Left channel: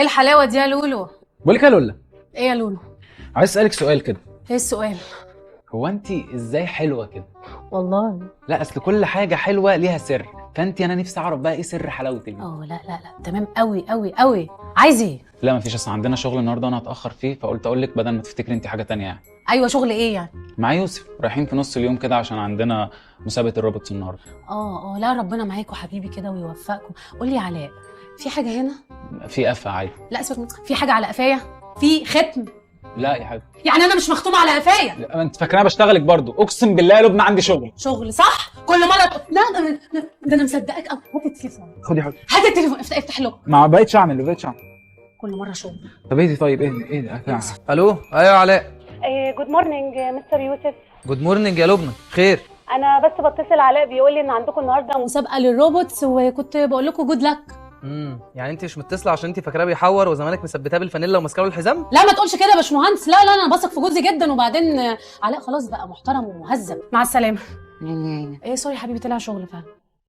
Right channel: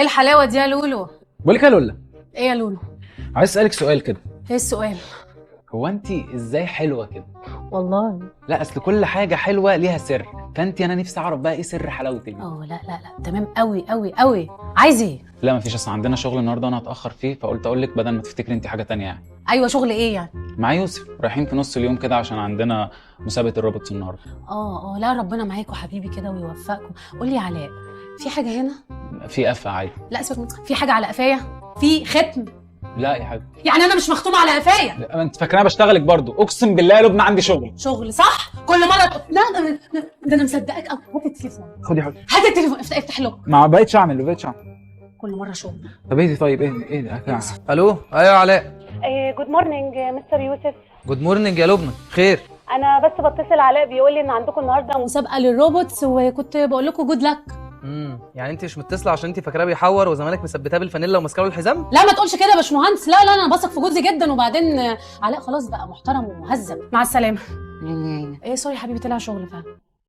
ايه الحلاوه دي يا لولو؟ بقول لك يا لولا، ايه يا لولو؟ عايز اسالك سؤال كده. ايه السؤال؟ هو انت ازاي حلوه كده؟ والله لا اصل كل حاجه حلوه ليها سر، فانت انا نفسي اعرف بقى ايه سر حلاوتك دي. لا تمام قوي قوي قوي. عايز ايه؟ لا مفيش، اصل عندنا شغل النهارده وانا هتاخر فيه، فقلت اقول لك بدل ما تفتكري انت حاجه تانية يعني. ايوه شغل ايه يعني؟ مع يوسف رايحين في نص اليوم كده عشان عندنا مسابقه الروبوتس النهارده. لا ربنا معاكم حبيبي كده ويوفقكم. قول لي علاء، في حاجه هنا؟ في قفه عادي. لا اسمك في حاجه على قفايا؟ في ختم؟ لا يا حبيبي، يعني انا مش مختومه على قفايا؟ انت فاكراني بشتغلك برضو؟ اقسم بالله يا لبنى عندي شغل صح؟ كل مره لا ده انا مصدقك. هات التليفون، خدي يا حبيبي. هات التليفون، افتح له. ما بقيتش اعمل كل مره شغل. طب ايه دي؟ طيب ايه ده؟ الو، ايوه يا علاء. جود مورنينج مستر يوسف. جود مورنينج يا لبنى، خير؟ انا بس بتصل علاء بيقول لي ان عندكم النهارده مسابقه للروبوتس وكنت بقول لكم جود لك. يعني انت مش متصله عشان انت فاكراه بيحور وزمانك مثبتاه بالفانيلا وماسكاه بالحزام؟ لا ما تقولش كده يا باشمهندس، لا انا بثق في جوزي جدا، وبعدين علاء خلاص بقى محترم ومهذب. مع السلامه. ايه سوري يا حبيبي، طلع شغل فعلا.